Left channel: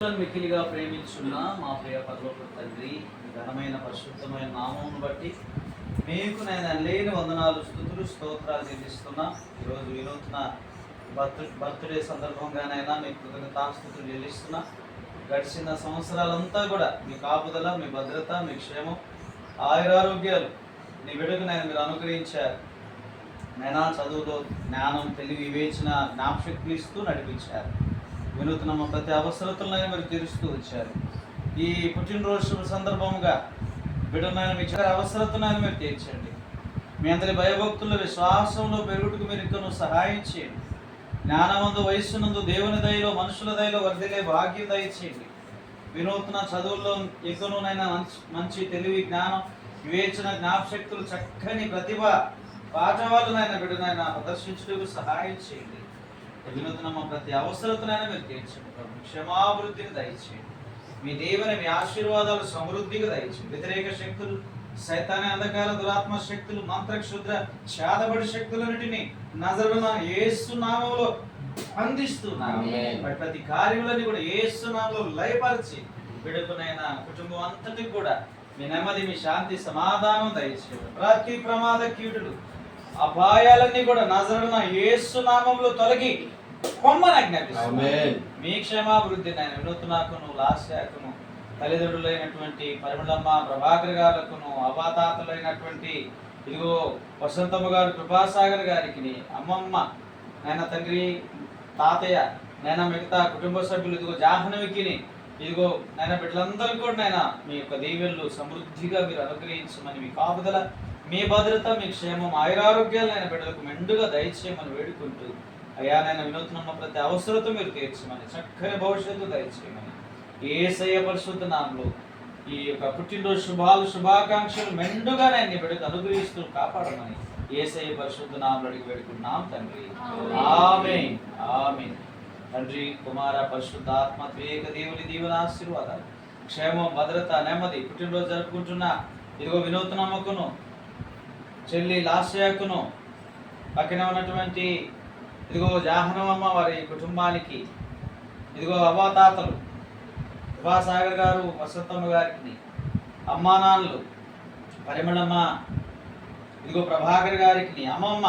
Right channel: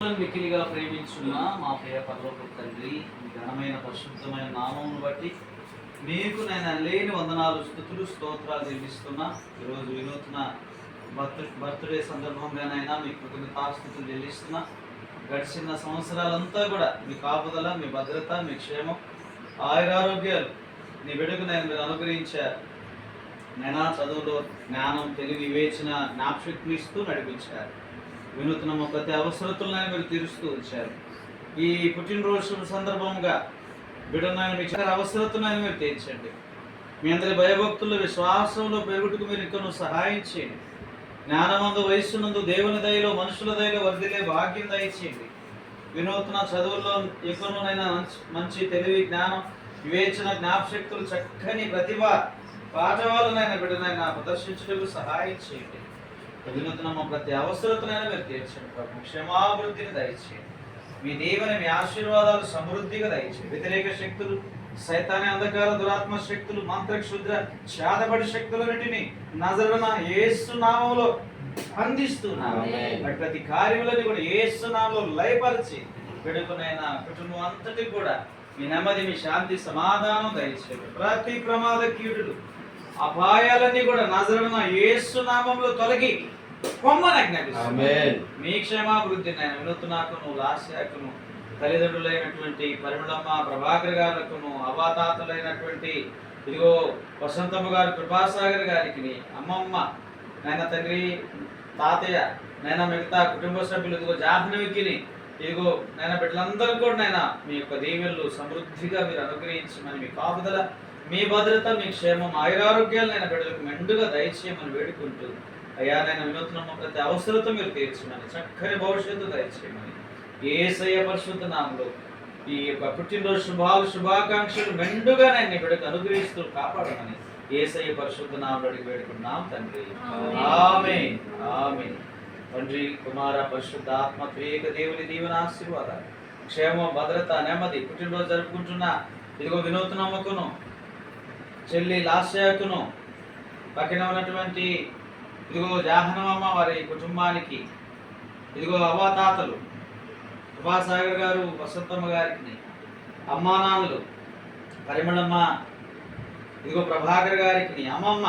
మిక్కిలిగా ప్రేమించున్న మా ప్రియ పరలోక తండ్రి, మీ ఘనమైన పరిశుద్ధమైన నామమును బట్టి మీకు నేను లేని వందనాలు, స్తుతులు, స్తోత్రాలు చెల్లిస్తున్నా. ఈరోజు వినూత్న బర్త్డే సందర్భంగానైనా మీ కృతజ్ఞతాస్తుతులు చెల్లిస్తున్నా. గడిచిన సంవత్సరాలంతా కూడా మీ కాపుదల, మీ భద్రత, మీ క్షేమం, ఆయురారోగ్యాలు నీ బిడ్డకు మీరు అనుగ్రహించారు. నైనా చదువులో జ్ఞానం, తెలివి, వివేచన, జ్ఞాపశక్తిని ఇస్తూ నడిపించారు. వినూత్నము ప్రతి అవసరతలైనా మీరు తీరుస్తూ వచ్చారు. ఈ పుట్టినరోజు సందర్భంగా బిడ్డనైనా మీ అవసరతనైనా మీరు తీర్చండి. మీ అందరి భయభక్తులు, విశ్వాసంలో పెరుగుటకు మీరు ఇంకనూ సహాయం చేయండి. జ్ఞానమందు, వయస్సునందు, దేవుని దయలో, మనుషుల దయలో వర్ధిల్లే భాగ్యం దయచేయండి. వినూత్న చదువుల్లో ఇంకనూనైనా మంచి తెలివి, జ్ఞానం, వివేచన, జ్ఞాపశక్తులు, చక్కని ప్రతిభ పాఠవాళ్ళనైనా బిడ్డనైనా ప్రదర్శించడానికి సహాయం చేయండి. వినూత్నమ ప్రతి అవసరతనైనా మీరు తీర్చండి ప్రభు. క్షమాభివృద్ధిని దయచేయండి. మీ దేవుని, మీ ఆశీర్వాదాలు సమృద్ధిగా దయచేయండి. వ్యతిరేక శక్తులు, సైతాని అంధకార, దురాత్మ శక్తులు, మంత్రక్షుద్ర, చేతబడి శక్తులన్నిటినీ నజరున యేసు నామములో బంధిస్తున్నాను. ప్రతి కార్యములని కూడా యేసు నామములో లయపరిచి బిడ్డకునైనా కుటుంబం అంతటికి కూడా మీ నెమ్మది, మీ శాంతి, సమాధానం దయచేయండి. ప్రతి ప్రమాద కీటుడు, అపాయాలన్నీ కూడా నజరున యేసు నామములో తొలగి మీ క్షేమాభివృద్ధి నేను వినూత్నకును, లాస్యాకును, తల్లిదండ్రులైనటువంటి పరిమళమ్మ, ప్రభాకర్ గారులకును, అవాతాతలైనటువంటి ఇదిగో వసంతమ్మ గారు, కృపాసాగర్ గారికి, అమ్మమ్మ, నాయన తండ్రి, తాతయ్య, నాయన మిగతా కుటుంబ సభ్యులు, ఇదిగో జాహ్నవికి, ఇదిగో నాయన బిడ్డలందరూ కూడా నాయన మీ యొక్క దీవెనలు సమృద్ధిగా మీరు అనుగ్రహించమని, మీ కాపుదల, మీ భద్రత, మీ క్షేమం, ఆయురారోగ్యాలు నేను బిడ్డలకు మెండుగా దయచేయమని వేడుకుంటూ, అయ్యా నేను వినూత్నమ్మ ప్రతి అవసరత మీరు తీర్చమని, చక్కని భవిష్యత్తు దయచేయమని యేసయ్య పరిశుద్ధ నామములో ఈ యొక్క పుట్టినరోజు శుభాకాంక్షలు మెండుగా నేను నీ బిడ్డకు అనుగ్రహిస్తూ కాపాడమని యేసయ్య పరిశుద్ధ నామములో అడిగి వేడుకున్నాం తండ్రి. ఆమేన్, ఆమేన్. తండ్రి, కుమార, పరిశుద్ధ ఆత్మ త్రియేక దేవుని దీవెన ఆశీర్వాదాలు, క్షేమం, భద్రత, నెమ్మది పుట్టినరోజు జరుపుకుంటున్న ఇదిగో వినూత్నమ్మకును, చెల్లి లాస్యాకును, పక్కన ఉన్నటువంటి ఇదిగో జాహ్నవమ్మ వారి కుటుంబానికి, ఇదిగో అవ్వాతాతలు, కృపాసాగర్ గారు, వసంతమ్మ గారికి, అమ్మా నాన్నలు, పరిమళమ్మ, ఇదిగో ప్రభాకర్ గారికి, అమ్మమ్మ,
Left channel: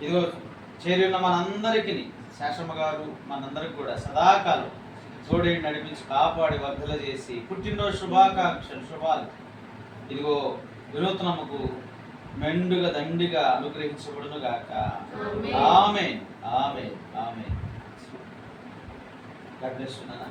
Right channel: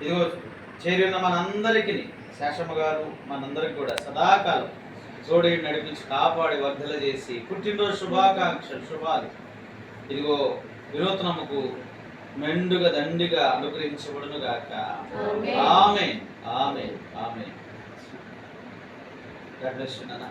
ఇదిగో చేరిన మనందరికీ, శేషమ్మ గారు, మనందరికి కూడా సదాకాలం జోడి నడిపించి కాపాడి వర్ధల చేసి పుట్టినరోజు శుభాకాంక్షలు, శుభాలు ఇదిగో వినూత్నమ్మకు మెండుగా దండిగా అనుగ్రహించబడును గాక. ఆమేన్, ఆమేన్, ఆమేన్. God bless you, Nana.